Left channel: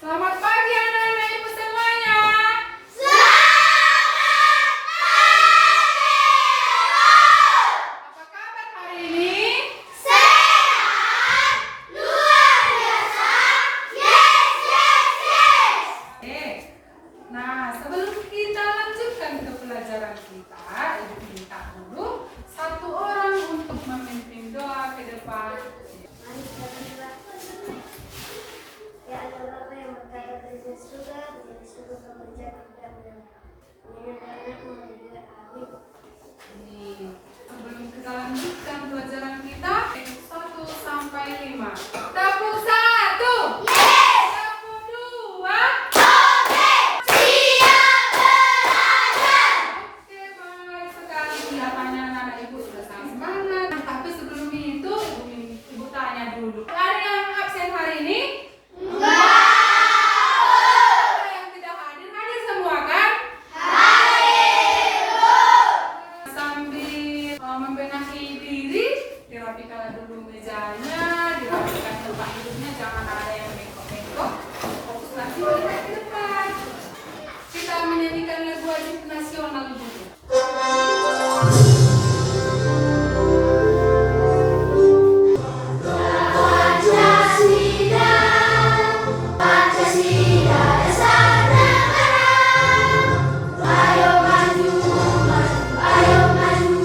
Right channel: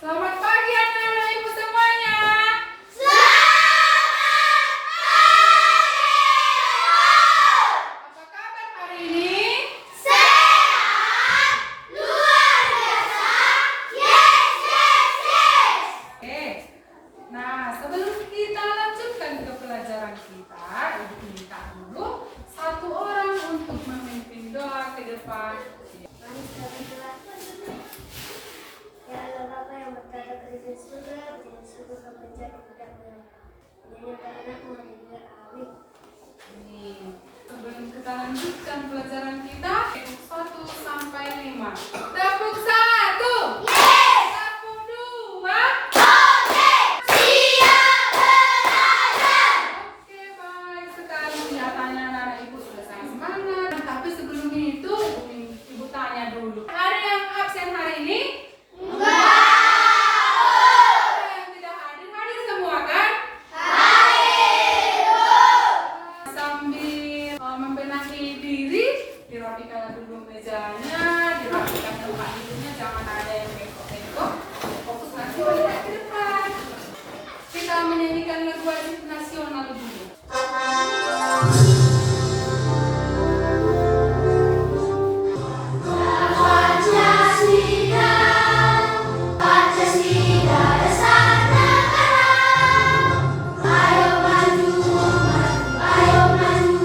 Selamat pagi anak-anak ibu semuanya. Apa kabar hari ini? Sehat, luar biasa. Yes, yes, yes. Nah, sebelum kita lanjutkan ke pelajaran kita, ibu minta dulu satu orang untuk memimpin doa ke depan. Mari kita berdoa. Ya Allah Bapa yang berkata di surga, di surga kami menjadi tidak menyenangkan amin. Sebelum kita lanjutkan pelajaran kita, 1 sampai 5. Tepuk 1. Yes. Tepuk 2. Oke, siap belajar. Oke, baik sekali. Kelihatannya anak-anak ibu sudah sangat semangat. Tapi sebelum itu, ibu tanya dulu. Ada yang absen hari ini? Ada yang tidak hadir? Hadir semua kan? Sambil membenahi diri, dirapikan dulu mejanya, dirapikan tempat duduknya, jangan ada yang bengkok-bengkok. Fokus lagi melihat ke depan. Kita menyanyikan lagu wajib nasional dulu. Pancasila dasar negara. Ayo maju, maju, ayo maju,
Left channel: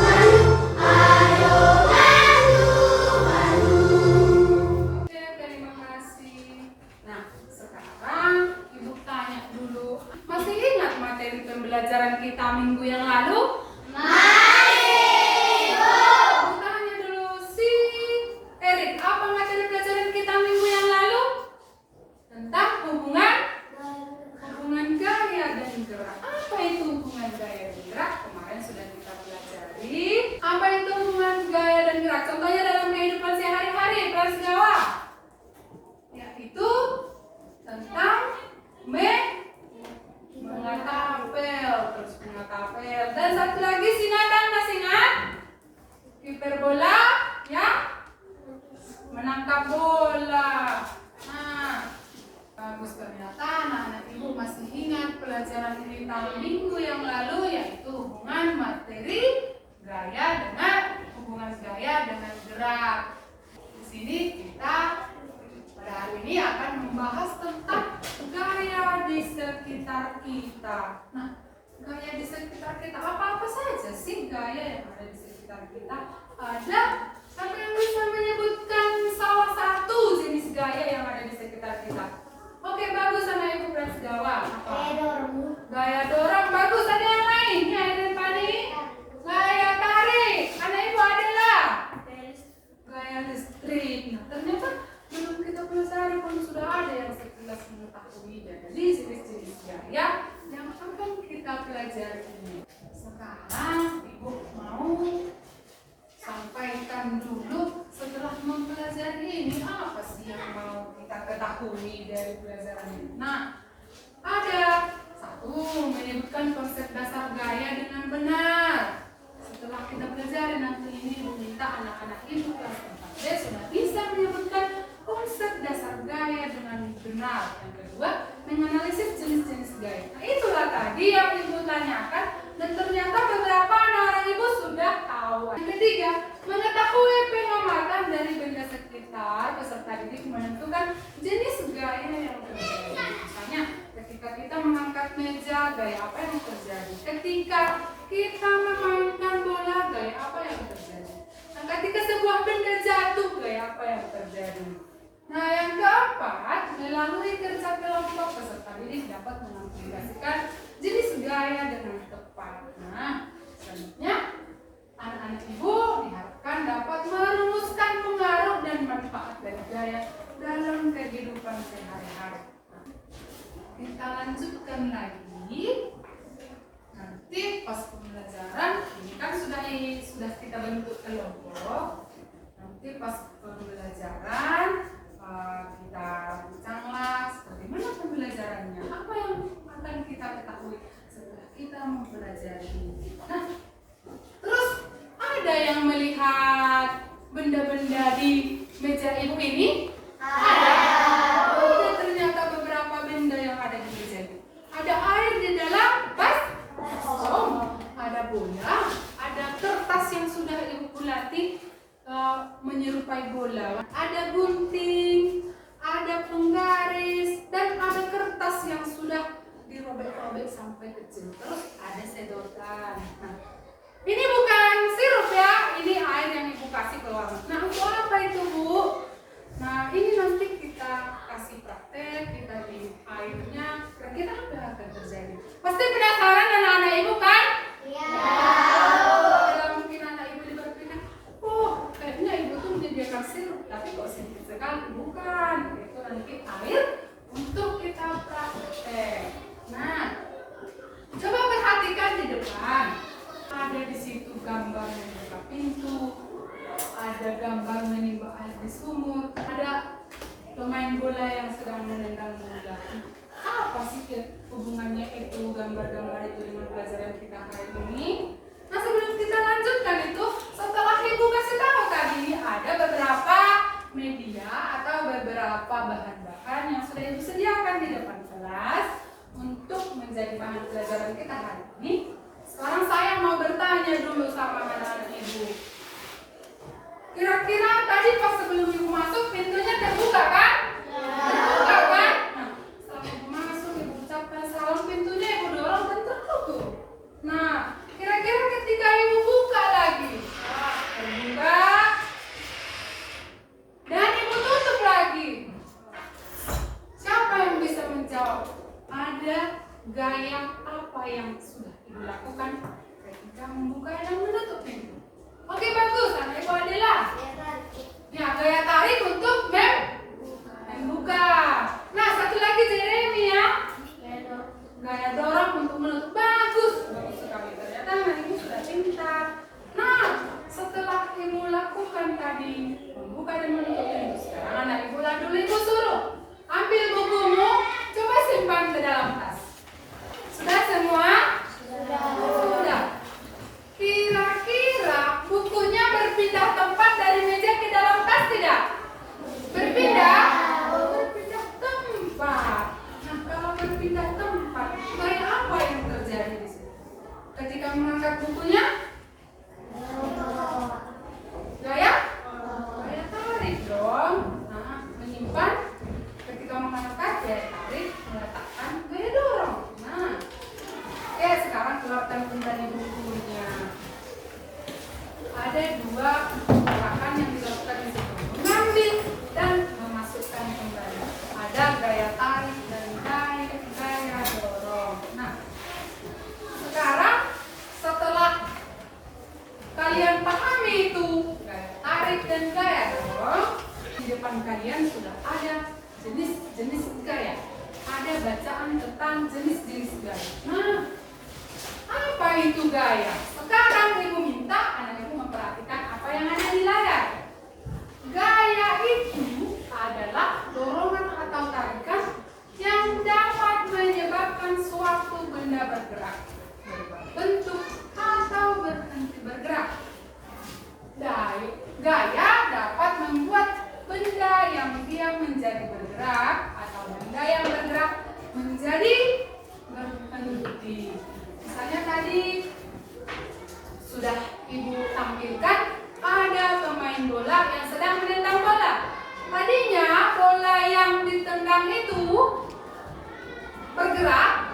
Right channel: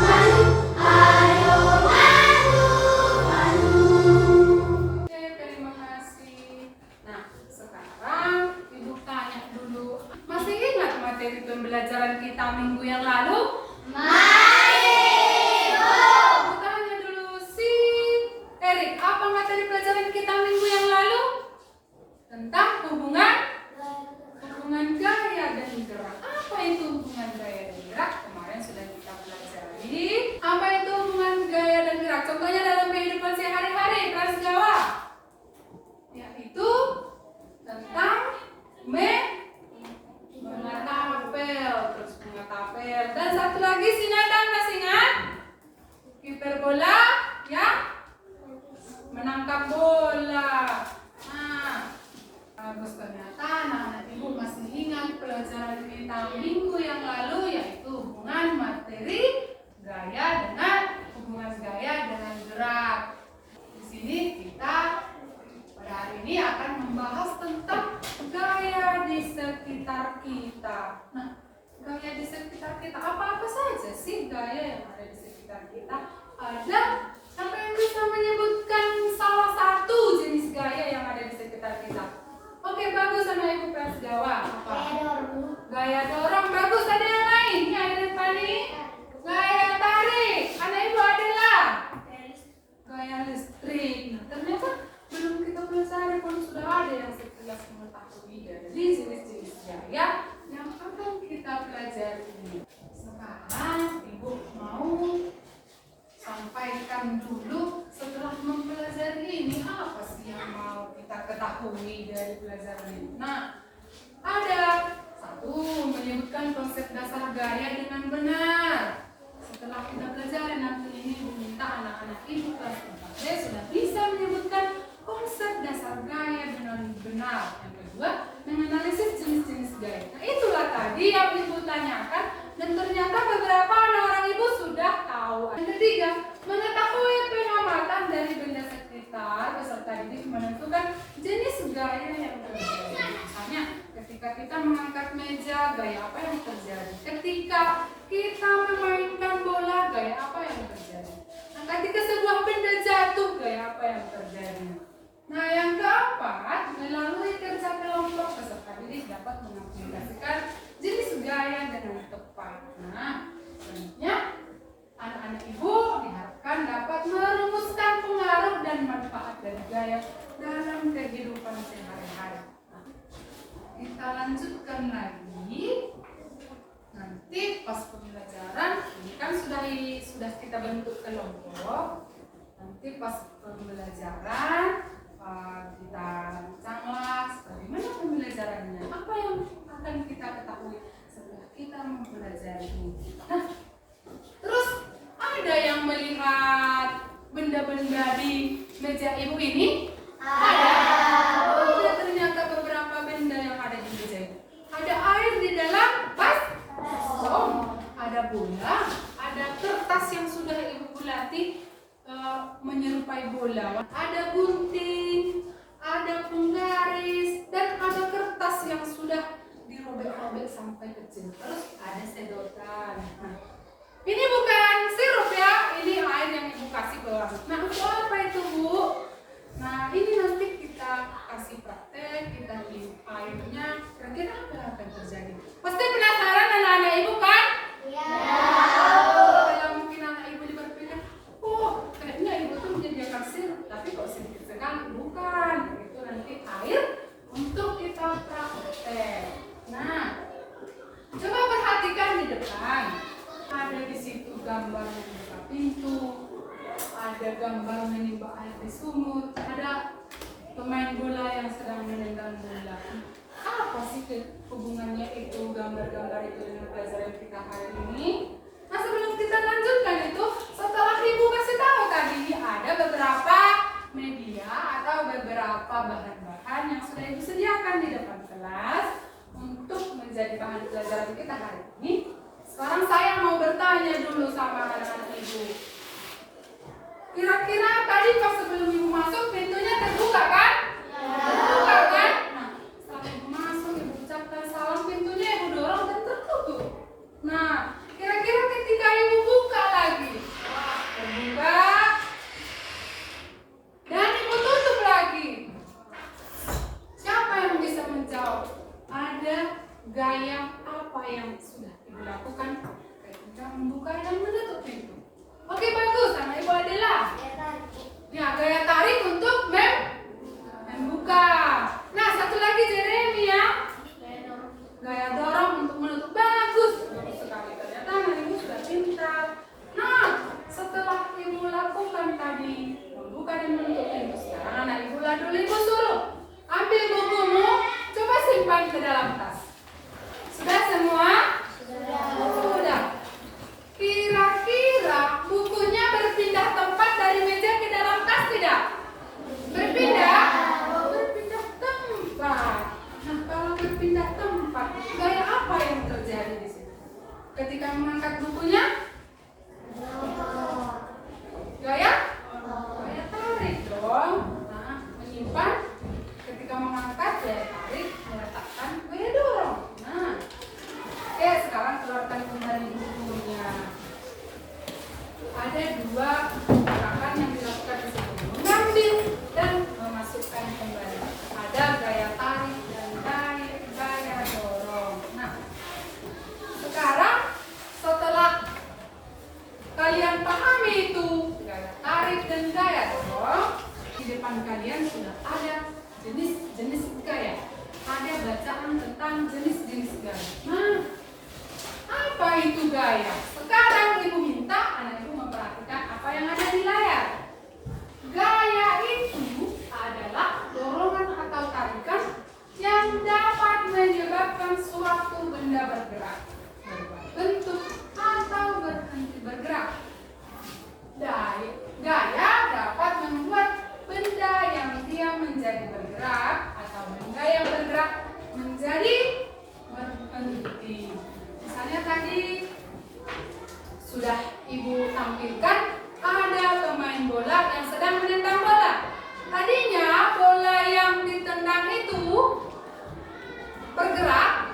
maju, ayo maju, maju. Oke, terima kasih. Nah, sekarang ibu tanya dulu. Masih ingat materi pembelajaran kita minggu yang lalu? Ibu tanya dulu si Erik, apa materi pelajaran kita minggu yang lalu? Tentang hubungan gaya dan gerak. Apa itu hubungan gaya dan gerak? Kemarin sudah kita pelajari. Apa itu hubungan gaya dan gerak? Contohnya dalam kehidupan sehari-hari, Prasgawa. Yaitu tentang mengatapel, terus mengatapel. Dan satu lagi singatan, masih ingat? Hiperbola, ya? Menangkap bola. Nah, bagus ternyata anak-anak ibu masih ingat pelajaran kita minggu yang lalu, yaitu hubungan gaya dengan gerak. Di sini kita pada hari ini akan membahas tentang gaya di sekitar kita. Nah, gaya di sekitar kita apa-apa saja sih gaya yang ada di sekitar kita? Ada. Siapa yang bisa menyebutkan salah satu jenis gaya yang ada di sekitar kita? Oke, bagus sama Ibu Prasgawa. Apa? Gaya dorong, bagus. Ada yang lain? Ini ada yang paling. Gaya tarik. Anak Ibu Adela. Gaya listrik. Nah, ternyata belum kita pelajari pun sudah ada yang sekilas mengetahui dari jenis-jenis gaya yang akan kita pelajari ini. Sekarang Ibu mau sampaikan dulu setelah mempelajari ini apa sih yang mau kita ketahui dari pelajaran ini. Nah, ada satu, menyebutkan konsep dasar gaya dengan benar. Setelah kita pelajari nanti ini meminta anak-anak ibu kelas 4 sudah bisa menyebutkan konsep dasar gaya dengan benar. Yang kedua, menganalisis jenis-jenis gaya. Nah, itulah tadi yang ibu tanyakan dan ternyata beberapa anak-anak ibu sudah tahu. Yang ketiga, mengetahui pengamatan dari benda sekitar peserta didik menentukan jenis gaya yang terjadi. Misalnya, ketika kita mengangkat meja, gaya apa yang terjadi? Ketika kita memainkan bola, gaya apa yang terjadi? Nah, ketika sebuah benda jatuh, gaya apa yang terjadi? Nah, yang keempat, melalui kerja kelompok peserta didik dapat mengaplikasikan jenis gaya dengan tepat. Nah, selanjutnya anak-anak ibu diharapkan dapat merumuskan pengaruh dan manfaat dari gaya dalam kehidupan sehari-hari. Nah, kita lanjutkan lagi. Nanti pas pembelajaran ini kan sudah kita bentuk kelompok. Nanti pas pembelajaran kita bincanglah bagaimana pembelajarannya, apa yang akan kita ketahui setelah kita mempelajari ini. Nah, terus ada yang melihat benda-benda di meja ibu ini? Ada. Oh, ternyata gunting, ada penggaris, dan ada kertas yang sudah dirobek-robek sampai kecil. Terus ada sedotan. Nah, ini bukan sirup ya, ini air yang ibu kasih ke orang. Nah, untuk apa itu bu? Nah, ini nanti kita kasih praktek, kita minum airnya. Kira-kira apa yang akan terjadi? Pasti penasaran anak-anak ibu kan? Iya. Dalam mungkin anak ibu berpikir, oh kayaknya ibu tuh menyediakan sirup, tapi kok sedikit sekali. Bukan, itu nanti air untuk kita praktek. Nah, coba perhatikan di depan. Ada di situ gambar membuka pintu, ada gambar menimba air di sumur, ada pemain bola yang sedang menendang bola. Apa sih hubungannya itu gambar-gambar itu dengan pelajaran kita hari ini? Nah, sebelum kita lanjutkan itu, setelah ibu kasih tahu tadi ada beberapa media atau beberapa bahan-bahan yang sudah ibu sediakan di depan kelas untuk menjadi bahan pelajaran kita hari ini. Sekarang saya mau bertanya dulu sama anak-anak ibu. Kira-kira tadi pas sebelum ibu masuk pintunya terbuka kan? Terbuka kan? Nah, setelah ibu masuk, ibu ucapkan salam, pintunya ibu dorong dan tertutup. Nah, kira-kira ketika ibu buka lagi, terbuka dan ibu tutup lagi, siapa yang bisa menjawab? Ada gaya apa yang sudah ibu lakukan ketika membuka dan menutup pintu? Oke, bagus, anak ibu adalah ya, gaya tarik untuk membuka. Nah, satu lagi Jeremy ya, gaya dorong untuk menutup. Bagus, bagus sekali, ternyata anak ibu sudah pintar. Nah, setelah ibu lakukan tadi membuka dan menutup pintu, sekarang anak ibu ibu suruh ambil bukumu, coba simpan ke dalam tas. Sudah semua? Sudah. Kira-kira bukunya berpindah tempat dari meja ke dalam tas tidak? Berpindah? Berpindah tempat. Nah, kalau berpindah tempat, gaya apa yang terjadi di sini? Ketika mengangkat bukunya? Gaya? Gaya tarik dong. Nah, menyimpan. Ketika mengangkat, gaya tarik, meletakkan, gaya dorong. Nah, oke, sekarang keluarkan kembali bukunya. Ada dua gerakan yang dilakukan di situ, mengambil dan memasukkan kembali. Ada gaya tarik dan gaya dorong. Nah, sekarang setelah kalian pahami itu gaya tarik dan gaya dorong, di depan kalian sudah ada jenis-jenis gaya. Ada bacaan tentang jenis-jenis gaya. Nah, apa itu gaya? Sekarang ibu minta anak ibu memperhatikan apa yang ada di layar. Gaya itu adalah dorongan atau tarikan yang dapat menyebabkan suatu benda bergerak, berubah bentuk atau berhenti bergerak. Gaya dapat membuat benda yang diam menjadi bergerak atau benda yang bergerak menjadi berhenti. Misalnya tadi sudah ibu tampilkan ada pemain bola yang sedang menendang bola. Tadinya bola yang ditendang itu bergerak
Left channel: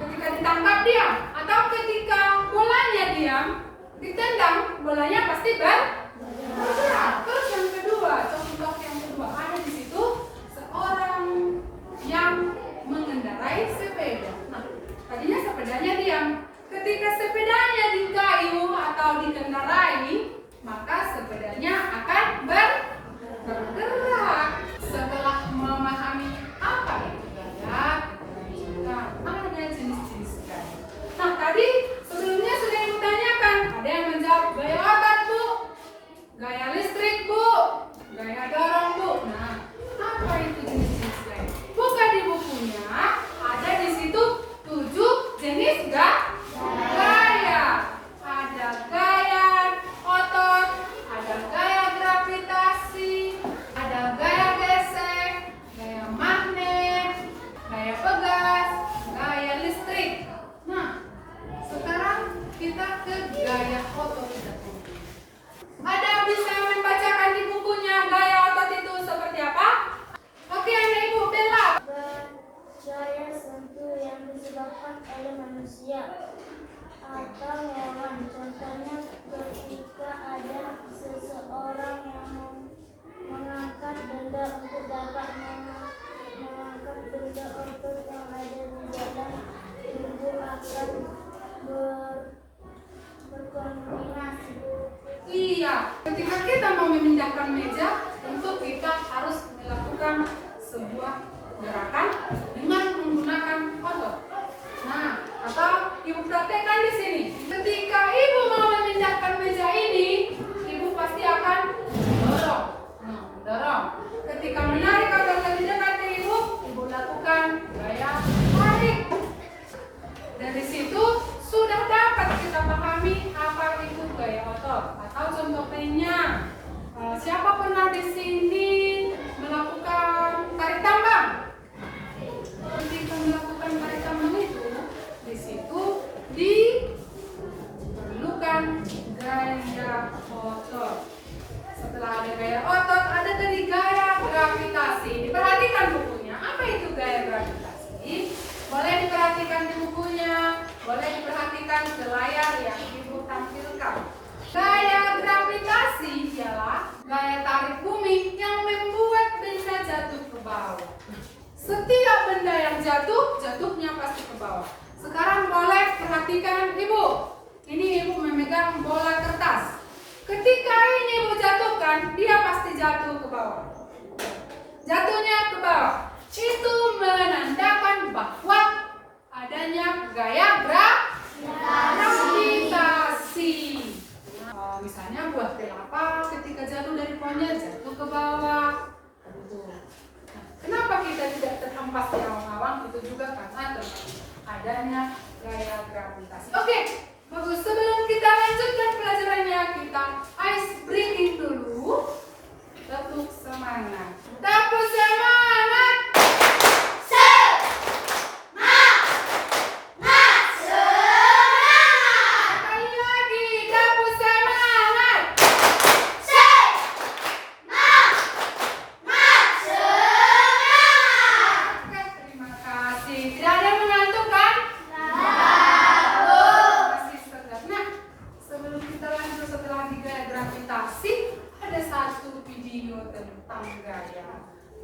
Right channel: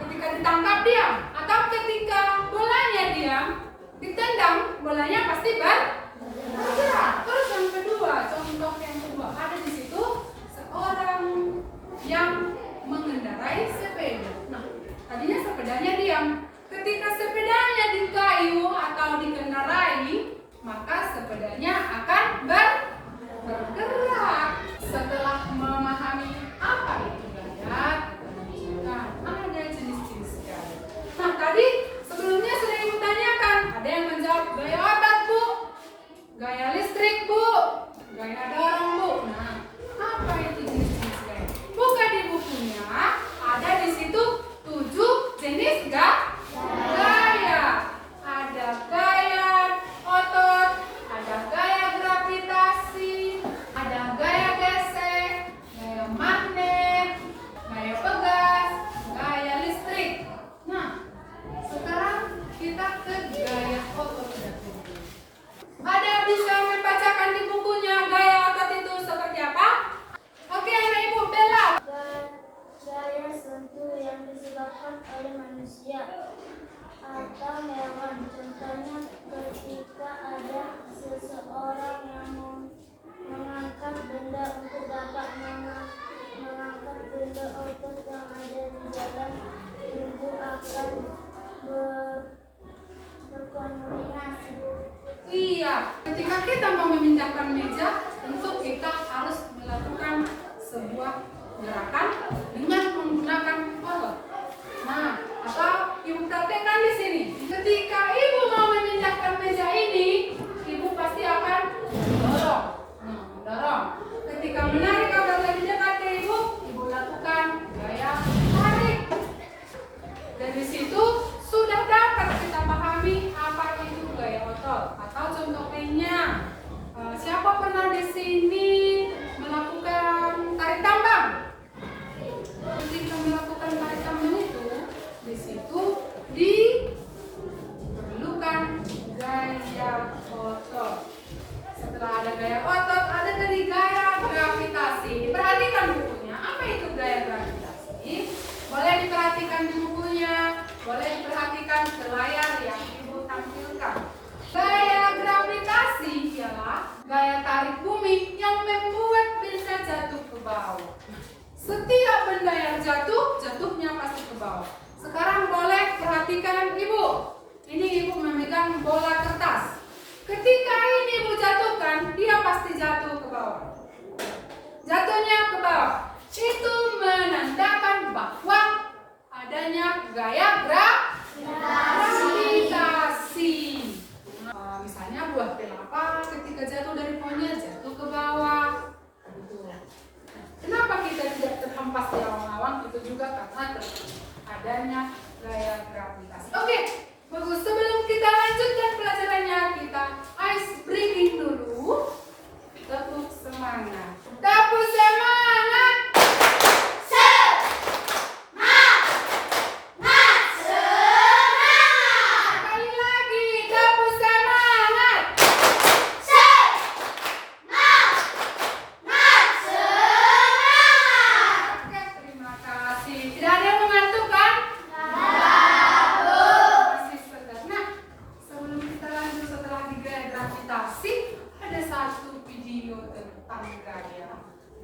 ketika ditangkap diam, atau ketika bolanya diam ditendang bolanya pasti bergerak. Terus yang kedua, contoh yang kedua, ada di situ seorang yang mengendarai sepeda. Nah, tadinya sepedanya diam. Ketika sepedanya dikayu atau dikendarai, maka sepedanya akan bergerak. Setelah memahami apa itu gaya, kita ada jenis-jenis gaya. Nah, tadi sebelumnya sudah ibu tanyakan, ada yang menjawab gaya otak bu, gaya listrik bu, gaya dorong bu. Nah, apa itu jenis-jenis gaya? Buka di bukunya, ada di situ 7 jenis gaya. Ada gaya otot, ada gaya gravitasi, ada gaya gesek, gaya magnet, gaya pegas, gaya listrik. Nah, sekarang kita ke gaya otot. Ada bisa membacakan di bukunya gaya otot itu perhatikan ke layar yang Ibu tampilkan. Gaya gravitasi ialah gaya tarik bumi yang membuat benda jatuh ke bawah. Setiap benda yang jatuh, jatuhnya pasti ke bawah. Sekarang boleh perhatikan Ibu. Ini Ibu memegang bola kertas. Ketika ini Ibu jatuhkan, dia pasti jatuh ke bawah. Jatuhnya ke bawah. Itu menandakan bahwa adanya gaya gravitasi. Misalnya buah kelapa ketika jatuh dari pohonnya jatuh ke bawah. Kenapa kita tidak terhempas di awang-awang? Itu juga karena adanya gaya gravitasi. Oke, bagus. Sebelum kita lanjutkan pelajarannya, kita ice breaking dulu. Tepuk semangat. Tepuk semangat. Sekali lagi, tepuk semangat. Oke, terima kasih. Tidak ada yang mengantuk kan? Masih segar. Nah, sebelum kita lanjut setelah gaya gravitasi, ada satu video tentang gaya.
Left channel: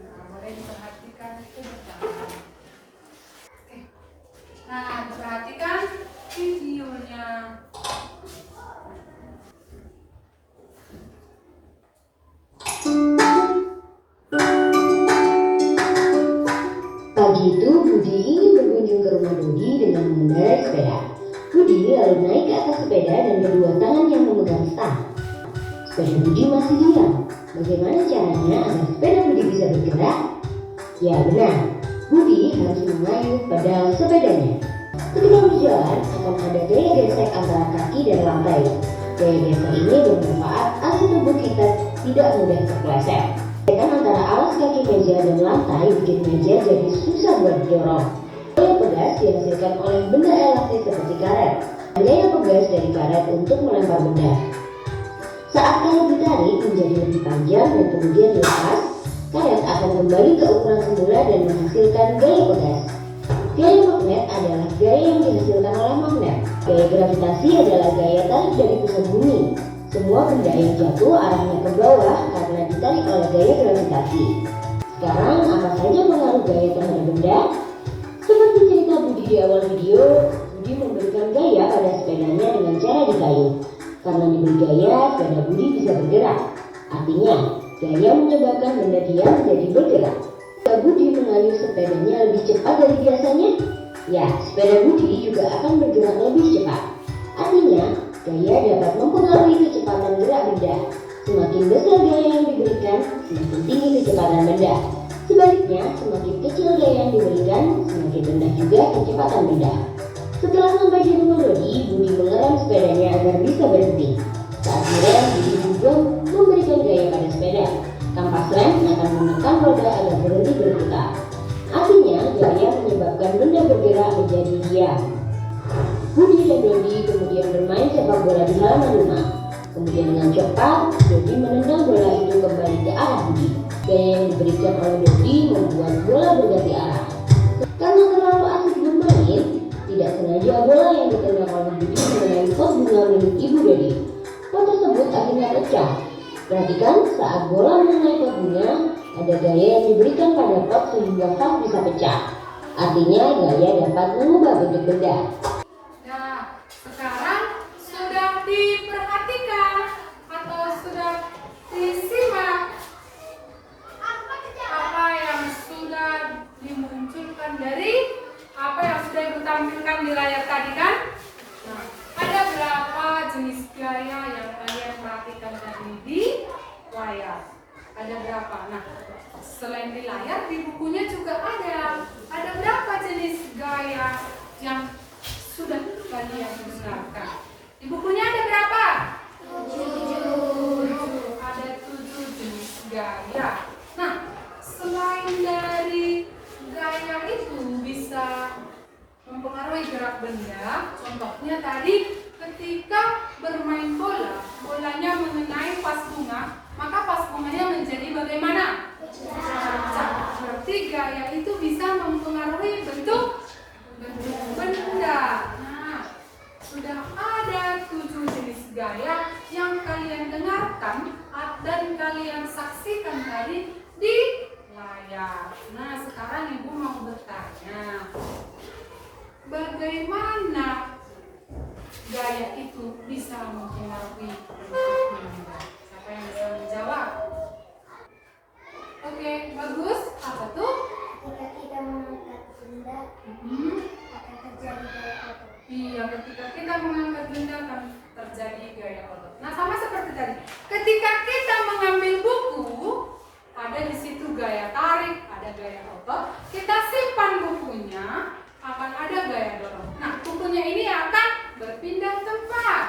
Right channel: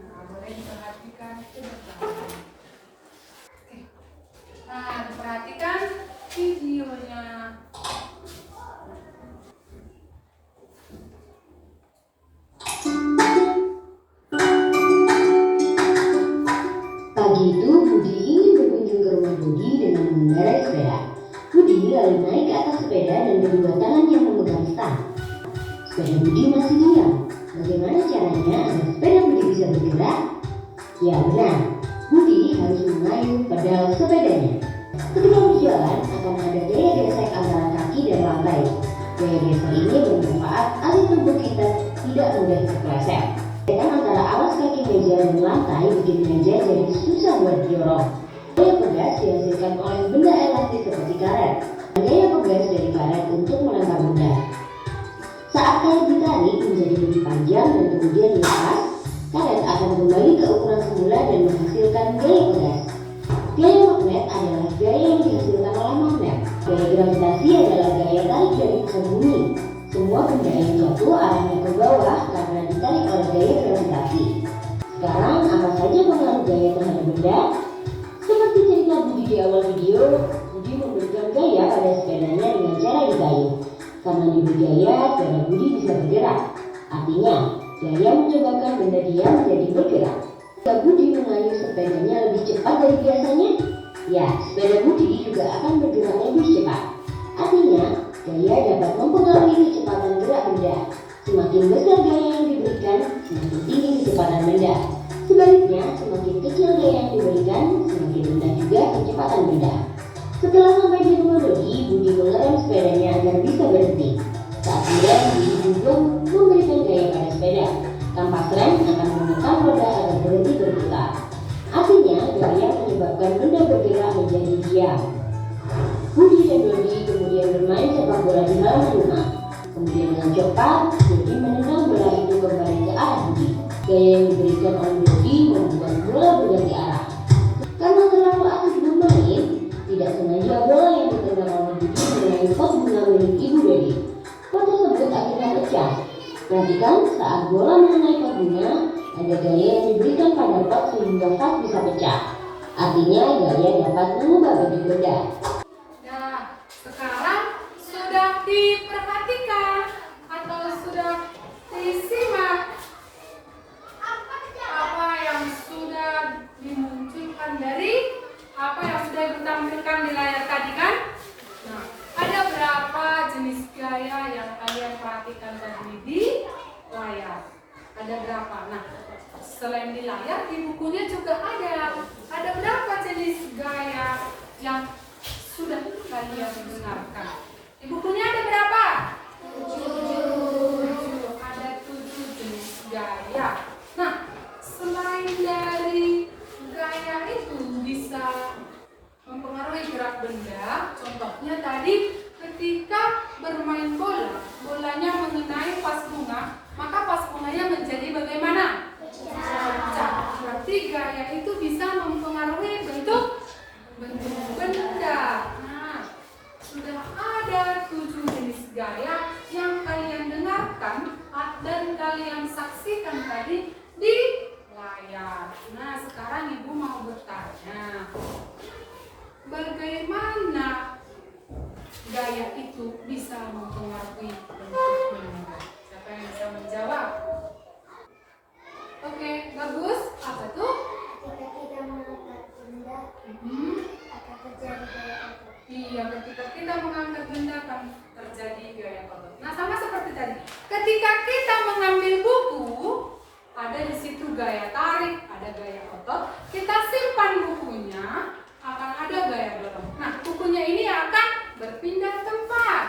Nah, boleh diperhatikan ke depan. Oke. Nah, diperhatikan videonya. Pagi itu, Budi ingin berkunjung ke rumah Dodi dengan mengendarai sepeda. Budi lalu naik ke atas sepeda dan kedua tangannya memegang stang. Sepeda Budi masih diam. Bagaimana caranya agar sepeda Budi bisa bergerak? Ya benar, Budi harus mengayuh pedal sepedanya. Ketika berjalan, akan ada gaya gesek antara kaki dan lantai. Gaya gesek ini bermanfaat agar tubuh kita tidak mudah terpeleset. Gesekan antara alas kaki meja dan lantai bikin meja jadi susah buat didorong. Gaya pegas dihasilkan oleh benda elastis seperti karet. Gaya pegas dari karet untuk melempar benda. Saat karet ditarik menjadi lebih panjang dan kemudian dilepas, karet akan kembali ke ukuran semula dan menghasilkan gaya pegas. Gaya magnet adalah gaya yang dihasilkan oleh magnet. Gaya gravitasi adalah gaya tarik dari pusat bumi. Semua benda yang jatuh arahnya ke bawah karena ditarik oleh gaya gravitasi. Sekarang, apa saja pengaruh gaya terhadap benda? Seperti cerita Budi di awal video, Budi memberikan gaya pada sepedanya dengan cara dikayuh. Karena diberi gaya, sepeda Budi bisa bergerak. Artinya, gaya menyebabkan benda diam menjadi bergerak. Jika Budi mengayuh sepedanya lebih cepat dari biasanya, ya, sepeda Budi juga akan bergerak lebih cepat. Artinya, gaya dapat mempengaruhi kecepatan gerak benda. Semakin besar gaya yang diberikan, semakin tinggi kecepatan benda. Sebaliknya, semakin kecil gaya yang diberikan, semakin rendah juga kecepatan benda. Setelah sampai di rumah Dodi, Budi mengerem sepedanya agar bisa berhenti. Saat direm, Budi juga memberikan gaya pada sepeda. Kampas rem akan menekan roda agar berhenti berputar. Artinya, gaya menyebabkan benda bergerak menjadi diam. Budi dan Dodi kemudian bermain sepak bola di halaman rumah. Kemudian dengan cepat, Dodi menendang bola itu kembali ke arah Budi. Gaya yang diberikan oleh Dodi membuat bola berganti arah. Karena terlalu asik bermain, tidak sengaja bola yang ditendang oleh Budi mengenai pot bunga milik Ibu Dodi. Pot tersebut akhirnya pecah. Perhatikan, saat bola mengenai pot bunga, ada gaya yang diberikan pada pot sehingga vas bisa pecah. Artinya, gaya dapat mengubah bentuk benda. Nah, sekarang sudah diperhatikan atau sudah disimak apa yang sudah dimunculkan dari apa yang sudah ditampilkan di layar tadi kan? Nah, ada berapa jenis gaya yang kalian perhatikan tadi di layar? Ada berapa? Nah, selain di layar, di bukunya juga ada. Ada berapa jenis gaya yang sudah kalian dengarkan? Di bukunya ada berapa? 7. Ada 7 jenis gaya. Nah, selain dari gaya itu bisa mempengaruhi gerak benda, contohnya tadi ketika bermain bola, bolanya mengenai vas bunga, maka vas bunganya menjadi bagaimana? Pecah. Berarti gaya itu bisa mempengaruhi bentuk benda. Nah, sudah gaya tarik, ada gaya otot. Kita simpan bukunya, akan ada gaya dorong. Nah, bukunya ini akan berpindah tempat.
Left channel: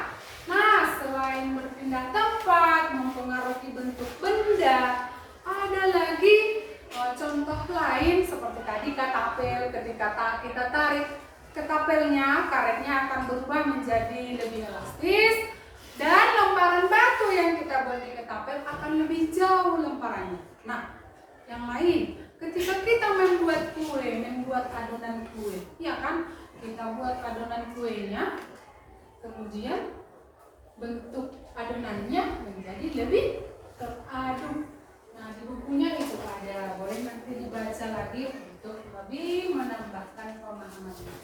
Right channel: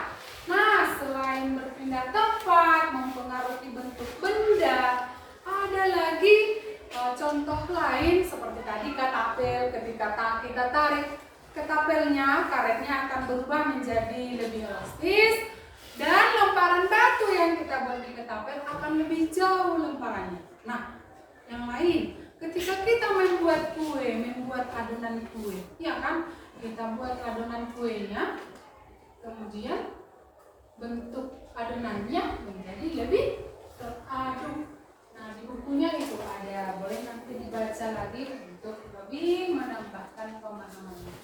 Nah, selain berpindah tempat, mempengaruhi bentuk benda, ada lagi contoh lain seperti tadi ketapel. Ketika kita tarik ketapelnya, karetnya akan berubah menjadi lebih elastis. Dan lemparan batu yang kita buat di ketapel akan lebih jauh lemparannya. Nah, yang lain, ketika kita membuat kue, membuat adonan kue, ya kan? Kita buat adonan kuenya, kemudian bentuk adonannya menjadi lebih teraduk. Nah, di bukunya itu ada, boleh nanti dibaca lagi untuk lebih menambahkan pemahamannya.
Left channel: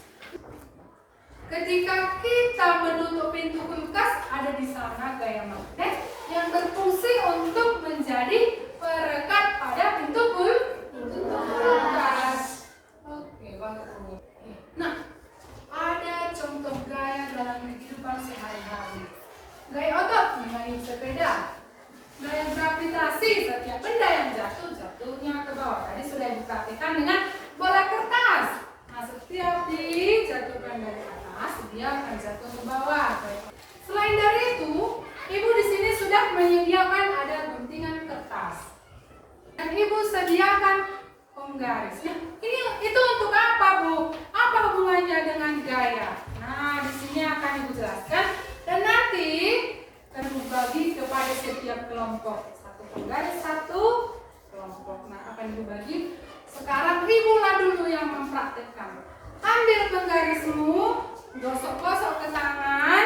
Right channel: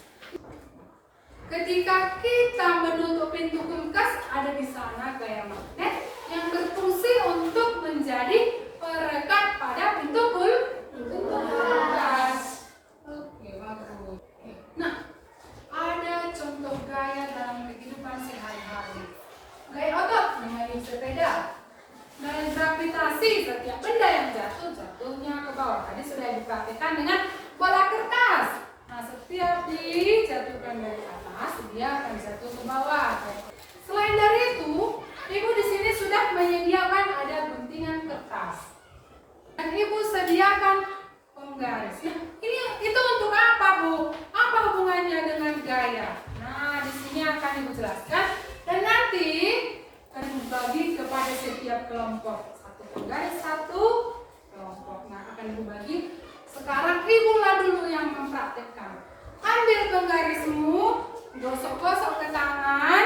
Ketika kita menutup pintu kulkas, ada di sana gaya magnet yang berfungsi untuk menjadi perekat pada pintu kulkas. Oke, bagus. Nah, ada contoh gaya dalam kehidupan sehari-hari. Gaya otot mengayuh sepeda. Gaya gravitasi, setiap benda yang jatuhnya ke bawah. Tadi sudah dipraktikkan dengan bola kertas. Nah, setiap dijatuhkan dari atas, dia akan jatuh ke bawah. Selain dari itu, Ibu di sini sudah menyediakan ada guntingan kertas. Dan Ibu sediakan penggaris. Nah, itu untuk apa, Bu? Apa hubungannya dengan gaya? Nah, di sini akan Ibu jelaskan dan nanti akan dibagi kepada setiap kelompok. Satu penggaris, satu kelompok. Nah, akan Ibu bagi. Sekarang Ibulah dulu yang mempraktikkan. Ambil penggarismu, gosok-gosok ke tangan,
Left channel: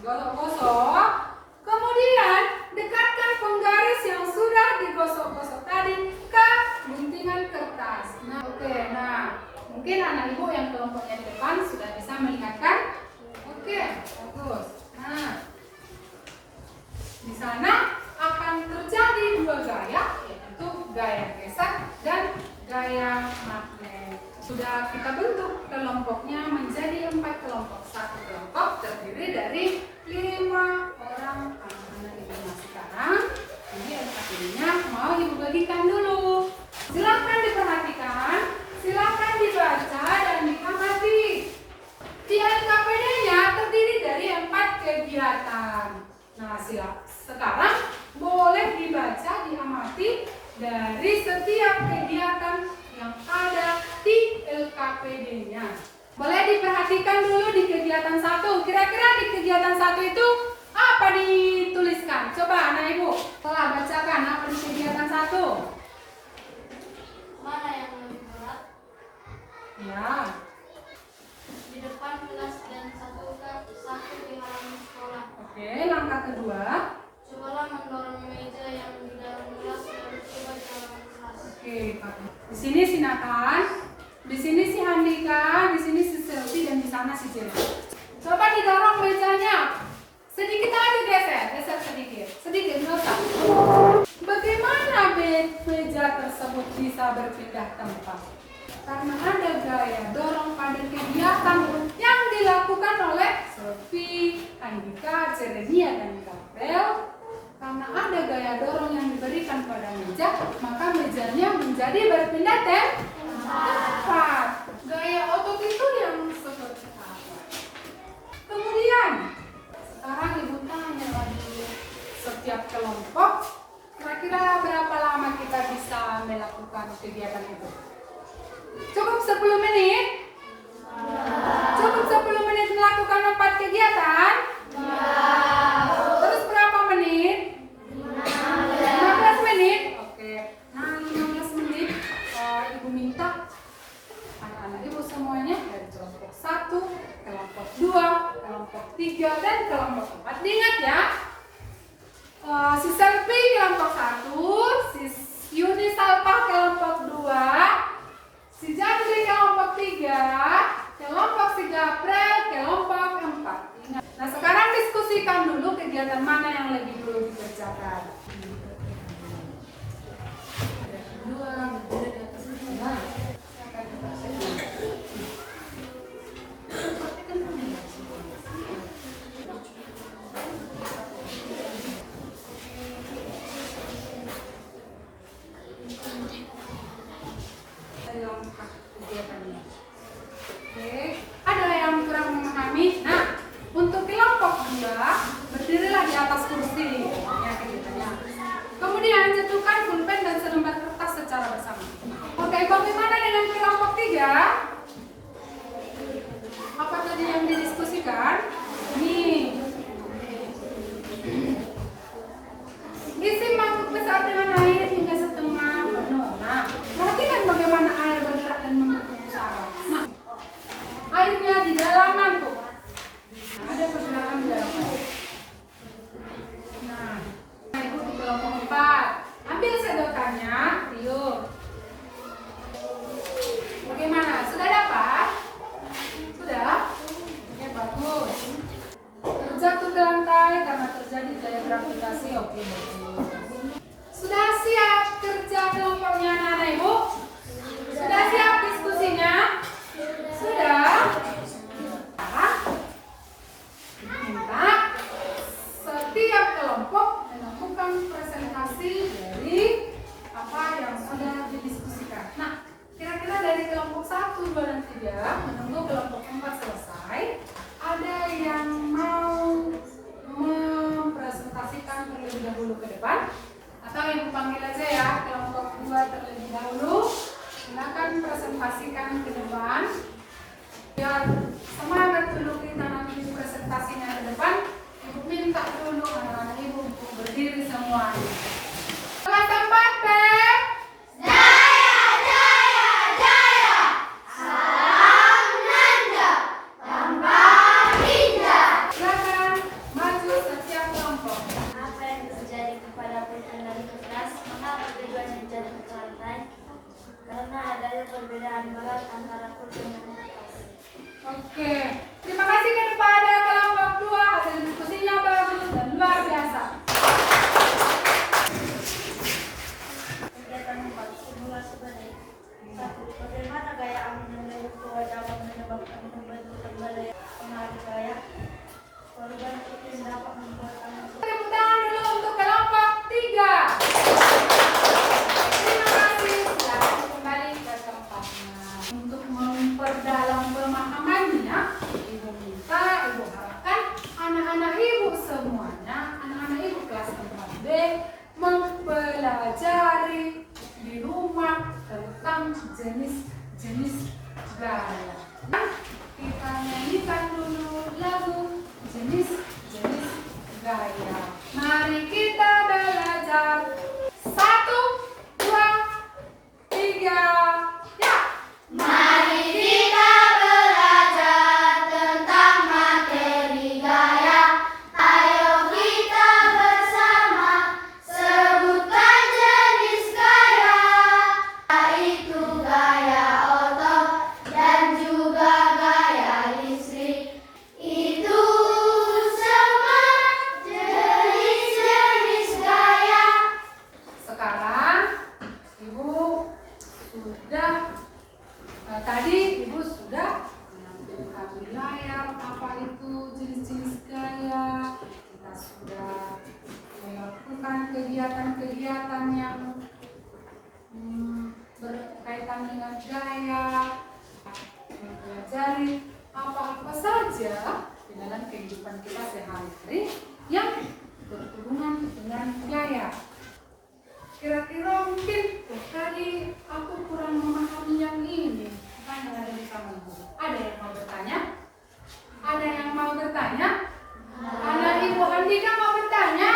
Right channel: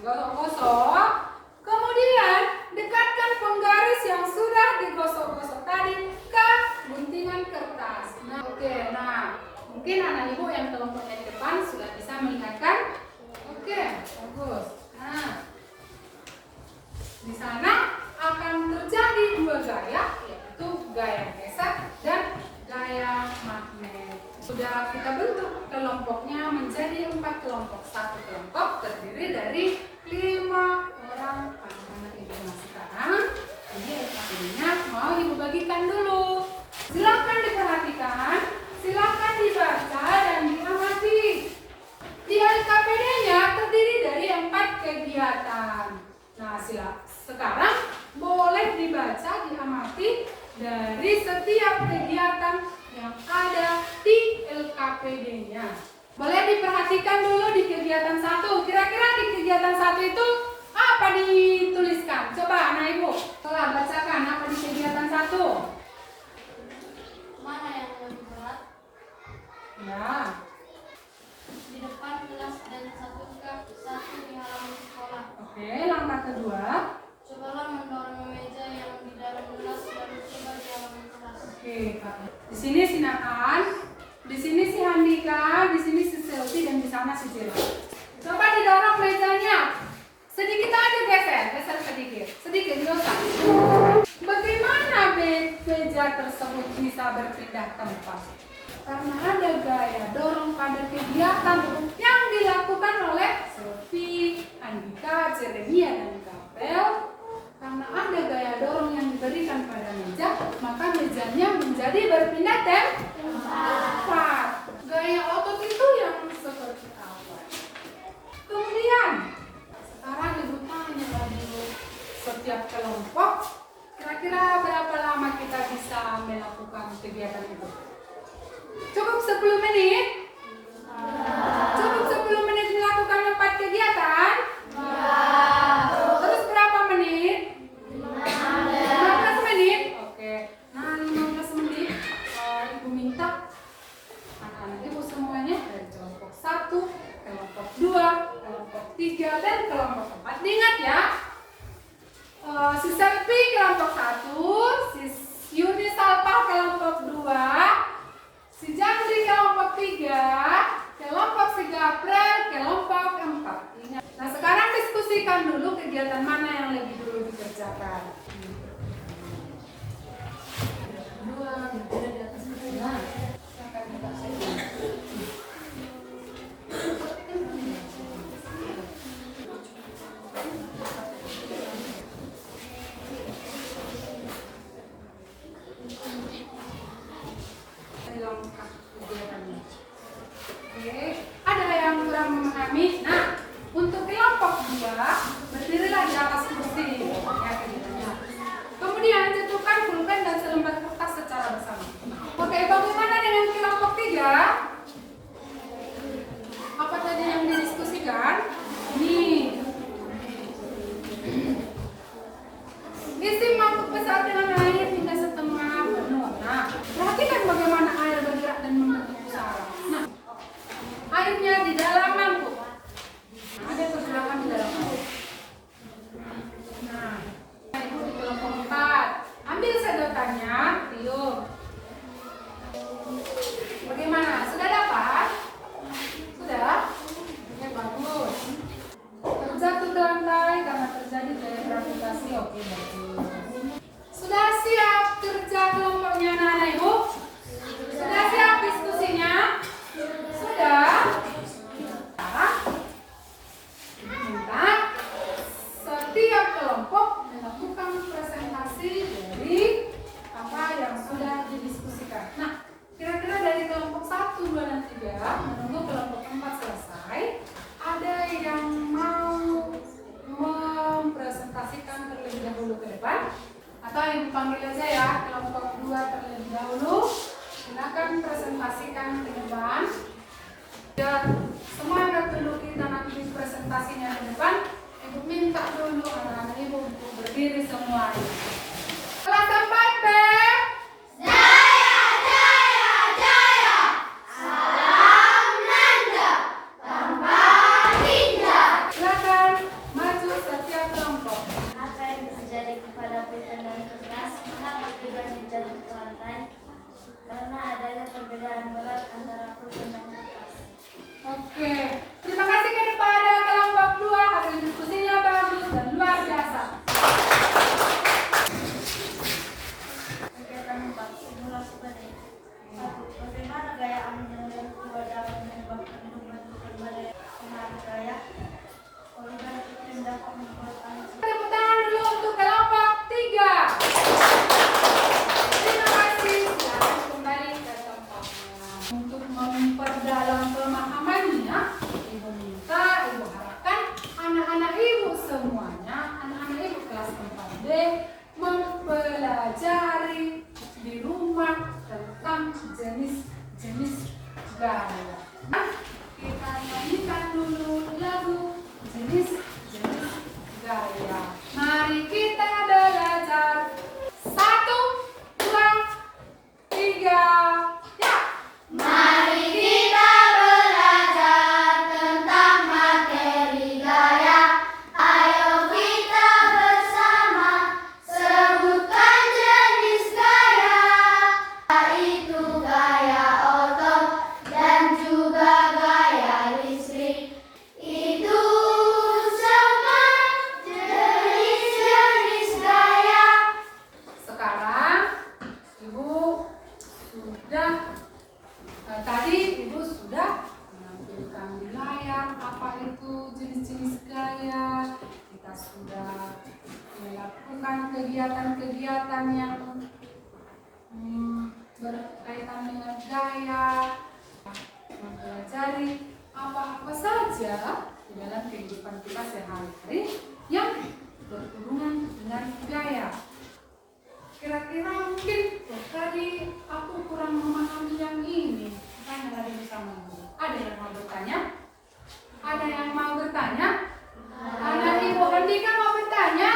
gosok-gosok. Kemudian dekatkan penggaris yang sudah digosok-gosok tadi ke guntingan kertas. Nah, oke. Nah, mungkin anak Ibu yang kelompoknya di depan sudah bisa melihat kan? Oke, bagus. Nah, di sana akan terjadi dua gaya, yaitu gaya gesek dan gaya magnet. Sudah kita bentuk kelompoknya menjadi 4 kelompok. Satu kelompok terdiri dari 5 orang anak Ibu. Nah, sekarang ini LKPD-nya mau Ibu bagikan dulu. Silakan diperhatikan, silakan dibaca dan diamati. Di LKPD-nya terdiri dari 4 kegiatan. Nah, sekarang boleh dibaca, diamati dari setiap kegiatan yang ada di LKPD-nya. Boleh diperhatikan dulu di kegiatan 1. Kira-kira di kegiatan 1 itu apa dituliskan? Coba anak Ibu, telah bacakan apa di kegiatan 1. Mana yang lebih berat? Ya. Di depan kelas dan satu di halaman sekolah. Oke, langkah kedua. Cobalah mendorong meja yang di dalam kelas dan coba di halaman kelas. Oke, di sini si Nathan, di sini si Handika, di sini si Selvi, dan di sana si Jira. Coba didorong mejanya. Sedikit aja geser sedikit, nggak usah. Bagaimana meja tersebut bisa berpindah tempat? Karena ada gaya dorong pada kegiatan yang dilakukan oleh Selvi, Handika, Jeremia, dan Gabriel. Karena ada gaya dorong yang diberikan pada meja, maka mejanya menjadi berpindah tempat. Gaya otot itu yang seperti apa? Kemudian, sekarang Ibu tanya lagi setiap kelompok, kira-kira berapa lama kita bisa melakukan kegiatan itu? Cukup 10 menit? Cukup 10 menit melakukan 4 kegiatan? Terus berapa menit? 15 menit? Oke. Nah, 15 menit Ibu minta anak-anak Ibu semuanya dari kelompok 1, kelompok 2, kelompok 3, dan kelompok 4. Diingat ya, si Selvi kelompok 1, si Yuni Salpa kelompok 2, si Jandri kelompok 3, kelompok si Gabriel kelompok 4. Ingat. Nah, sekarang diskusikan dulu kegiatan mana yang lebih dulu dikerjakan. ya. Apa tadi yang didiskusikan? Nih. Isi mangkuk pesawat dengan air hingga setengah penuh. Nah, perhatikan bagaimana air bergerak dan membentuk pesawat. Nah, airnya di dalam mangkuk. Nah, ada pergerakan di dalam mangkuk. Nah, ikuti kelompok 4. Ambil sedotannya, tiup. Bagaimana? Sudah dapat? Sudah? Oke, bagus. Terjatuh ke lantai karena terjadi gaya gravitasi. Oke, bagus. Sudah siap kerja kelompoknya anak-anak ibu? Sudah siap diskusinya? Sudah? Minta setiap kelompok melakukan presentasi dari apa yang sudah didiskusikan. Nah, kira-kira dari kelompok 1, 2, dan 3 menunggu kelompok 4 selesai, ada yang mau mempresentasikan terlebih dahulu ke depan? Atau ibu panggil aja ya, kelompok 2 terlebih dahulu. Silakan presentasikan ke depan. Biar semangat dulu kita nanti presentasinya ke depan. Ibu minta dulu anak-anak ibu untuk berdiri semua. Kelas 4 B. Silakan maju setiap kelompok. Apa yang terjadi kepada penendang kertas? Mengapa tujuan jatuh ke lantai? Karena adanya perbedaan berat antara pulpen dan kertas. Oke, terima kasih kepada kelompok 2. Hasil diskusinya bagus dan luar biasa. Kegiatan 4. Simulasi badai. 1. Bagaimana gaya angin yang dari keluar dapat menyebabkan pembentukan badai pengaruh gaya? Korban iklim dapat membuat angin. Tepuk tangan dulu untuk kelompok 3. Terima kasih. Silakan kembali ke tempatnya. Untuk memperdalam pemahamannya, ibu minta, ibu harapkan anak-anak ibu semuanya, anak-anak ibu kelas 4B mempelajari di rumah tentang jenis-jenis gaya. Nah, kita nyanyikan dulu lagu jenis-jenis gaya. Mari kita belajar. 1, 2, 3, ya. Mari kita belajar tentang materi gaya. Ayo kita bersama sebutkan jenis gaya. Yaitu gaya otot dan juga gaya listrik. Itu semua jenis-jenis gaya. Sekarang ibu sudah tadi ibu sudah menampilkan di layar apa itu jenis-jenis gaya. Kita sudah melakukan kegiatan-kegiatan yang berkaitan dengan gaya, mempelajari apa-apa saja di dalam kehidupan kita sehari-hari yang berhubungan dengan gaya. Kira-kira mungkin tadi aku kurang memahami yang ini. Kan ada di kamu. Ada yang mau bertanya? Ada yang mau bertanya? Anak Ibu Andika mau bertanya?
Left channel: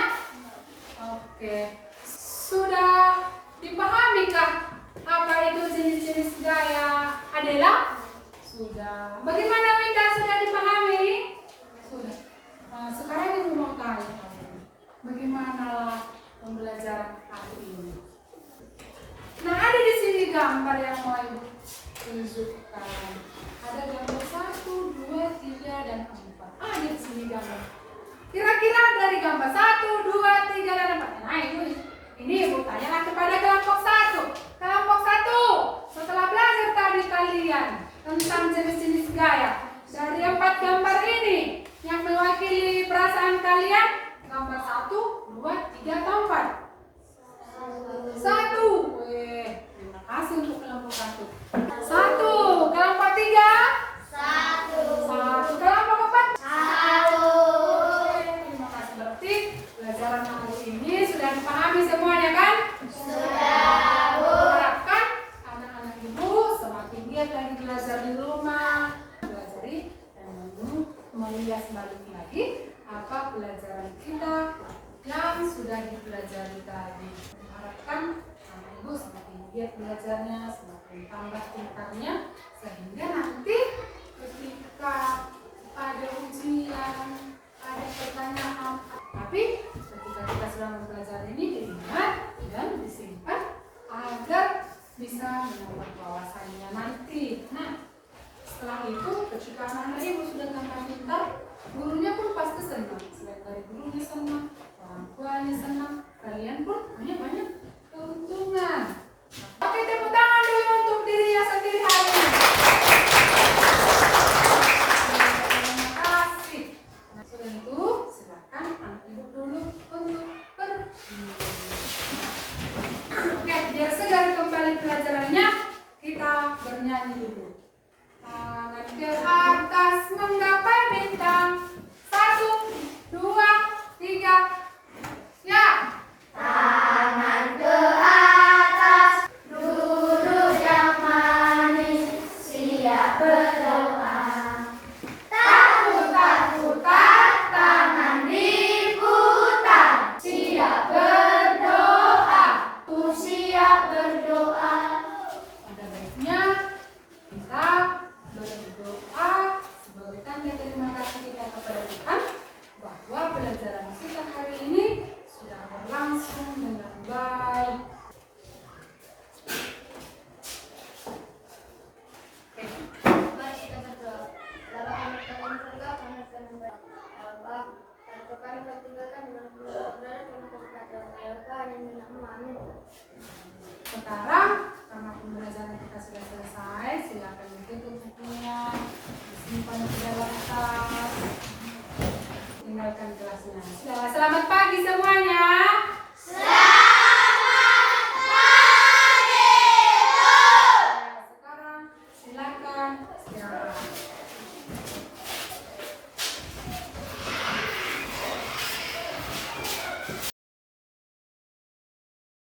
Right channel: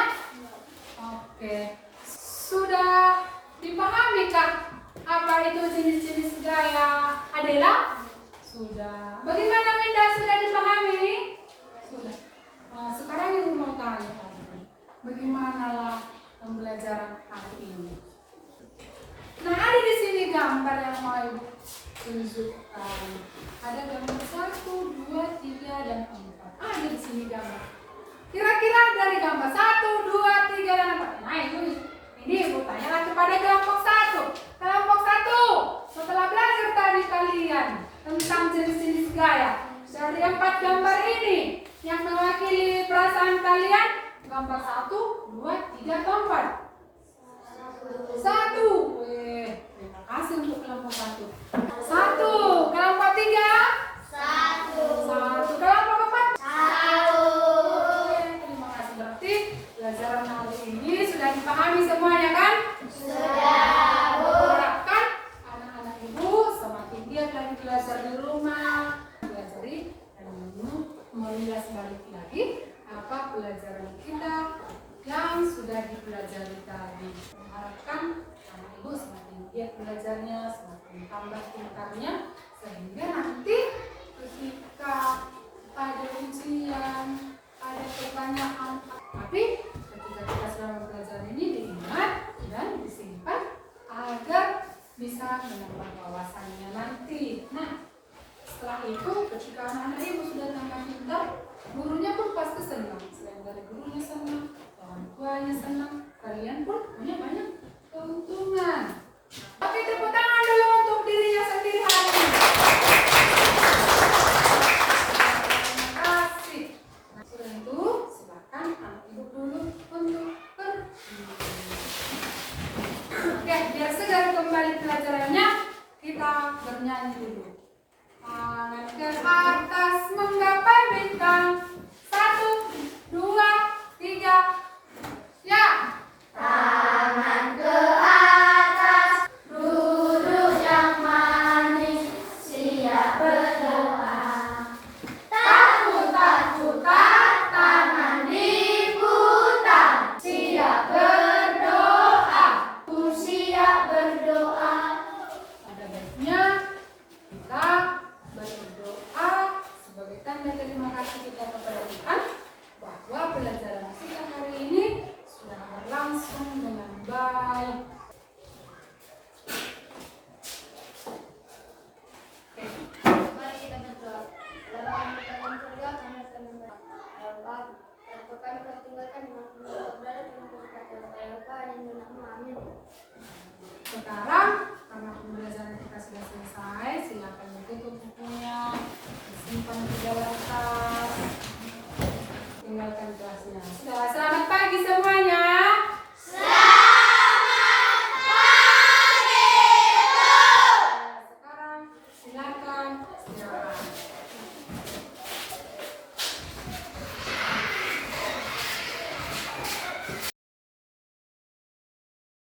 Oke. Sudah dipahamikah apa itu jenis-jenis gaya? Adela? Sudah. Bagaimana Winda, sudah dipahami? Sudah. Nah, sekarang Ibu mau tanya. Bagaimana pembelajaran hari ini? Nah, ada di sini gambar yang mau Ibu tunjukkan. Ada gambar 1, 2, 3, dan 4. Ada di sini gambar. Kira-kira dari gambar 1, 2, 3, dan 4. Nah, ini Ibu tanyalah kepada kelompok 1. Kelompok 1, setelah belajar tadi kalian tentang jenis-jenis gaya, dari 4 gambar ini yang mewakili perasaan kalian, gambar 1, 2, 3, atau 4? 1. Terima kasih untuk kelompok 1. 1. Kelompok 3? 1. Kelompok 4? 1. Terima kasih. Berarti pelajaran hari ini sudah dipahami semuanya kan? Sudah. Harapkan giat belajarnya, semakin tambah pintarnya, sehingga nanti ketika ada ujian, ada pertanyaan, tapi ketika kita sedang belajar ini diingat dan disimpan agar bisa menambah wawasannya nanti. Nah, setelah itu ketika anak-anak ibu sudah tambah pintar, gurunya pun pasti senang. Selain dari gurunya senang, orang tuanya senang, kalian pun punya banyak keuntungan. Oke, tepuk tangan dulu untuk dirinya sendiri hari ini. Terima kasih. Nah, sudah itu silakan anak ibu dulu untuk pergi. Oke, biar segar kembali pelajarannya, kita bernyanyi dulu. Tangan ke atas menggapai bintang. 1, 2, 3. Ya. Tangan ke atas, duduk yang manis, siap berdoa. Tak tangan diputar, siap berdoa. Ku siap berdoa. Pada baiknya kita berdoa sebagai tanda terima kasih kita kepada Tuhan bahwa pelajaran kita hari ini sudah berlangsung dengan baik. Mari kita berdoa. Dalam kami dalam surga, kami akan membaca. Allah, tanpa kami pertinggalkan dengan berada kami berkata Allah yang menama amin. Sekarang karena pembelajaran kita sudah selesai, silakan ditutup bukunya, disimpan di dalam tas, tinggalkan kelasnya. Sudah